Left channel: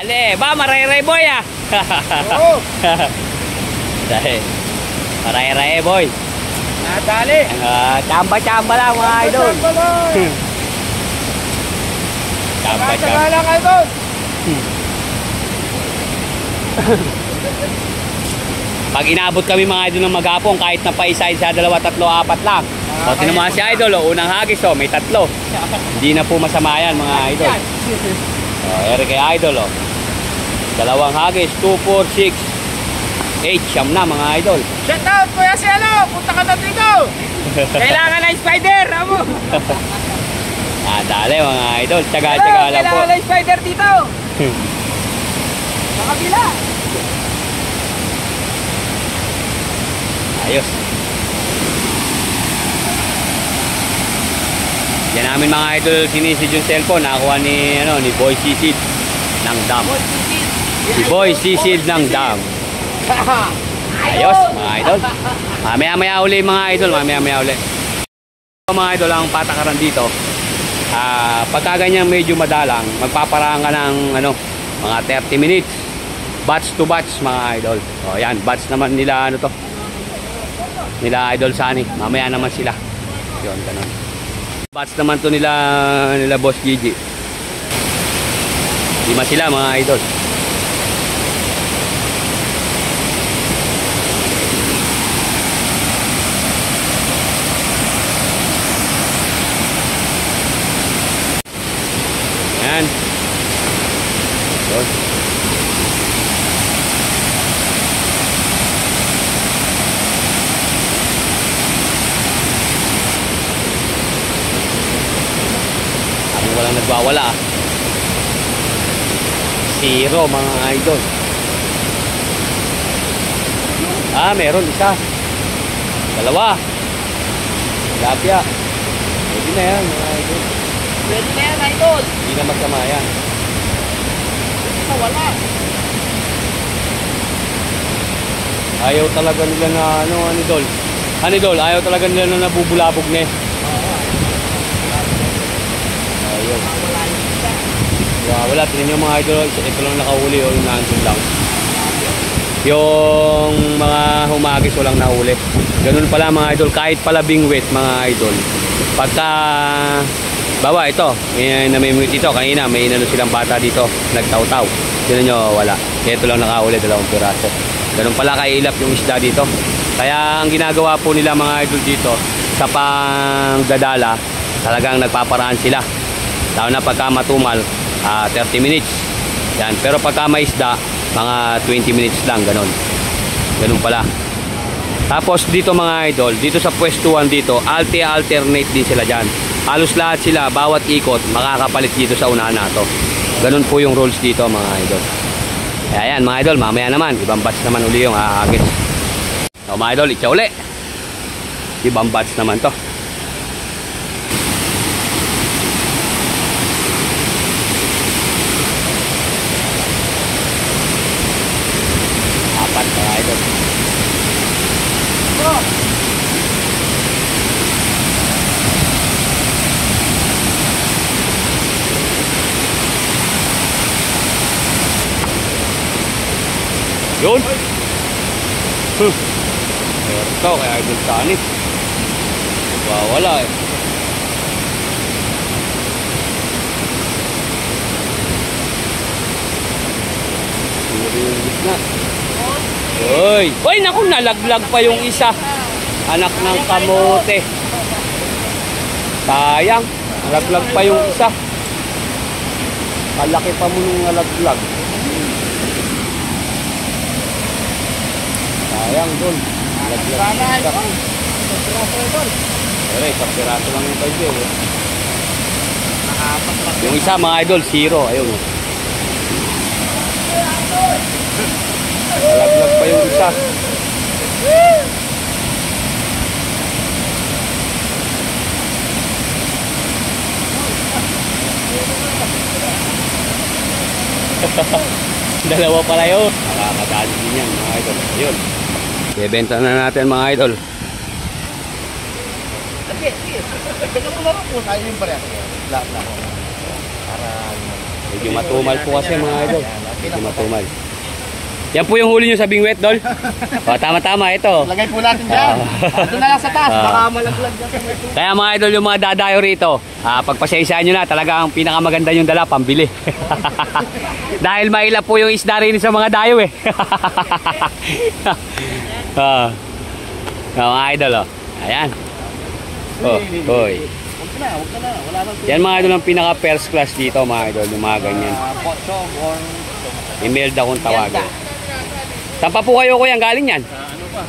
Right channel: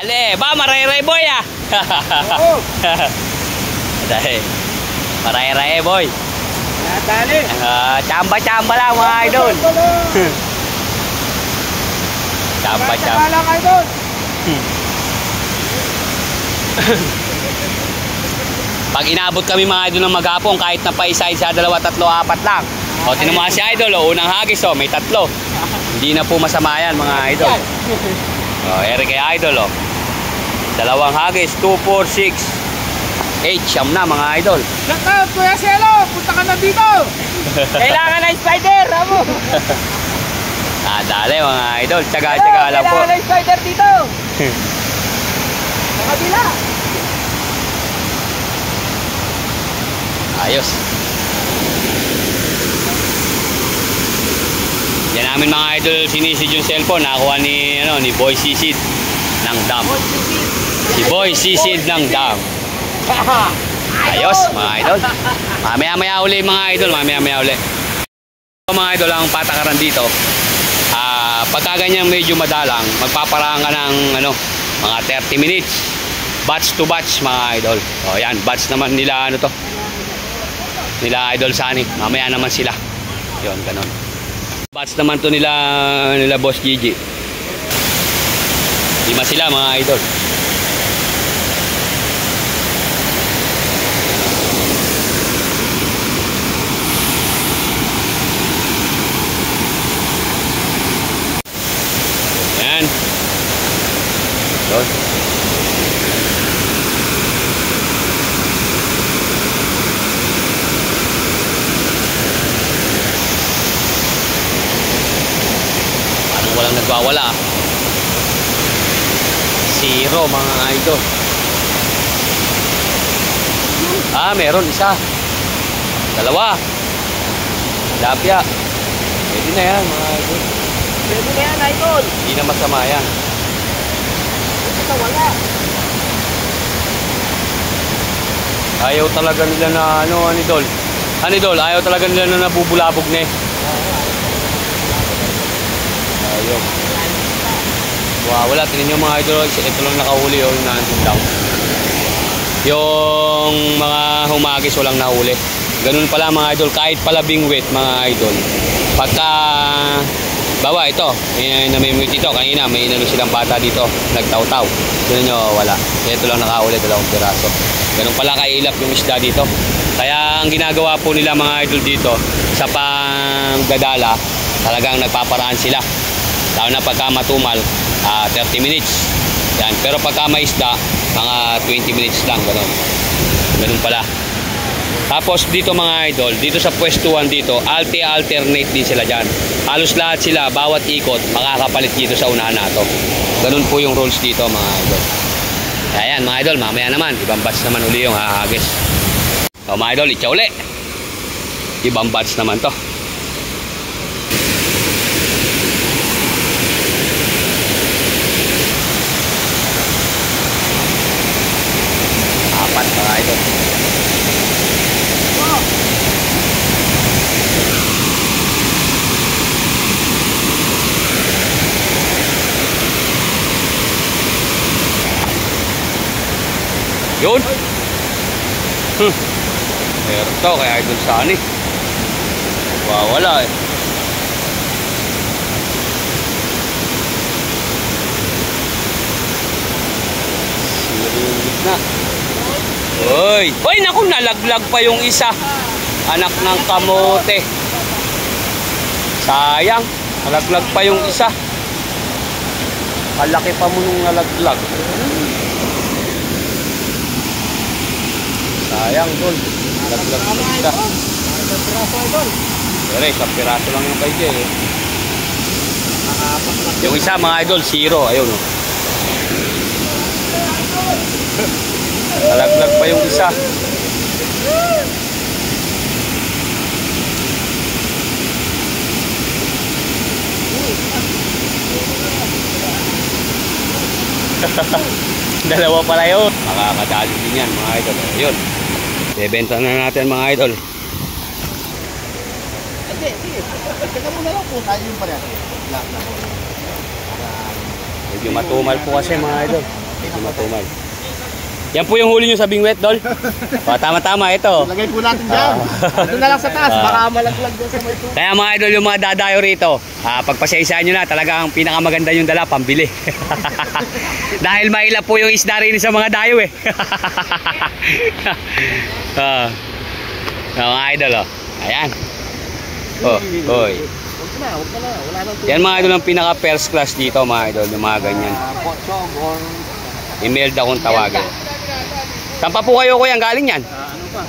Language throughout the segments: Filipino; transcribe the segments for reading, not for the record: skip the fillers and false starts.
Ale, ba maray-ray boy ah. Oo. Dahil maray-ray boy. Nadali. Chamba-chamba lang mga idol. Chamba-chamba lang idol. Pag inabot kami mga idol ng maghapon, kahit na paisa-isa, 2, 3, 4 lang. O, tinumahan si idol, o, unang hagis, o, may 3. Hindi na po masama yan mga idol. O, ere kay idol, o. 2 hagis, 2, 4, 6, 8, siyam na mga idol. Shout out, Kuya Selo, punta ka na dito. Kailangan ng spider, amo. Dali mga idol, tsaga-tsaga lang po. Kailangan ng spider dito. Kabila. Ayos. Yan namin mga idol, sinisid yung cellphone. Nakakuha ni Boy Sisid ng dam. Si Boy Sisid ng dam. Ayos mga idol. Mamaya-maya uli mga idol. Mamaya-maya uli. Mga idol, ang patakaran dito, pagka ganyan medyo madalang, magpaparaan ka ng mga 30 minutes. Batch to batch mga idol. O yan, batch naman nila nila idol Sani. Mamaya naman sila. Yon, ganun. Batch naman to nila Boss Gigi. 5 sila mga idol. Yan. Yon. Walang nagwawala. 0 mga idol. Meron isa. 2. Lapya. Pwede na yan mga idol. Pwede na yan idol. Hindi na masama yan. Ito wala. Ayaw talaga nila na idol. Idol, ayaw talaga nila na nabubulabog na eh. Ayaw. Wala, tingnan nyo mga idol. Ito lang nakahuli yung nandun lang. Yung mga humagis walang nahuli. Ganun pala mga idol. Kahit pala bingwit mga idol. Pagka bawa ito, namimwit ito. Kanina may silang bata dito. Nagtaw-taw. Tingnan nyo, wala. Ito lang nakahuli, 2 piraso. Ganun pala kailap yung isda dito. Kaya ang ginagawa po nila mga idol dito, sa pangdadala, talagang nagpaparaan sila. Lalo na pagka matumal, 30 minutes. Yan. Pero pagka may isda, mga 20 minutes lang. Ganun pala. Tapos dito mga idol, dito sa pwestuhan dito, alternate din sila dyan. Halos lahat sila, bawat ikot, makakapalit dito sa unahan na to. Ganun po yung rules dito mga idol. Kaya yan mga idol, mamaya naman, ibang batch naman uli yung hahagis. So mga idol, itcha uli. Ibang batch naman to. Mga idol. Yun. Meron to kaya idol Sani. Wala eh. Siri yung gitna. Uy, naku, nalaglag pa yung isa. Anak ng kamote. Sayang, nalaglag pa yung isa. Kalaki pa mo nung nalaglag. Sayang, Dol. Nalaglag yung isa. Pero isang piraso lang yung kay Jay. Yung isa mga idol, 0. Ayun o. Nalaglag pa yung isa. Dalawa pala yun. Nakakadali din yan mga idol. Ayun. Bebenta na natin mga idol. Medyo matumal po kasi mga idol. Tumal. Yan po yung huli nyo sa bingwit, Dol. O, tama-tama, ito. Lagay po natin dyan. Doon na lang sa taas, baka malaglag dyan sa may tubig. Kaya mga idol, yung mga dadayo rito, pagpasaysaan nyo na, talaga ang pinakamaganda yung dala, pambili. Dahil mailap po yung isda rin sa mga dayo eh. Mga idol, oh. Ayan. Oh, oy. Huwag ka na, wala nang Yan mga idol ang pinaka first class dito, mga idol, yung mga ganyan. potsong or Imelda kung tawagin. Saan pa po kayo kuya galing yan? ano pa?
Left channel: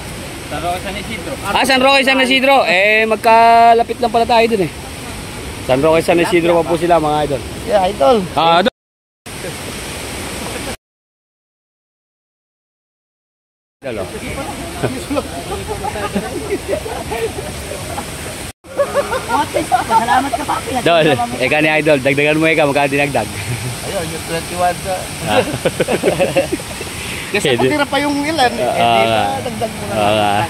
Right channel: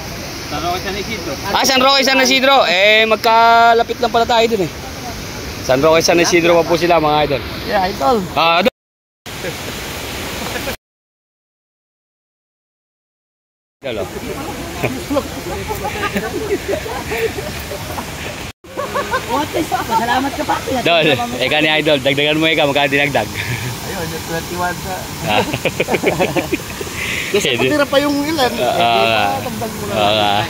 Sa Roque San Isidro. San Roque, San Isidro. Magkalapit lang pala tayo dun eh. San Roque, San Isidro pa po sila mga idol. Yeah, idol. Idol. Idol, oh. Salamat ka pa. Dol, ikaw ni idol, dagdagan mo ikaw, magkano dinagdag? Ayun, yung 21 ka. Ah. Kasi Pwede. kung tira pa yung ilan, Ah, dagdag mo na ah. lang.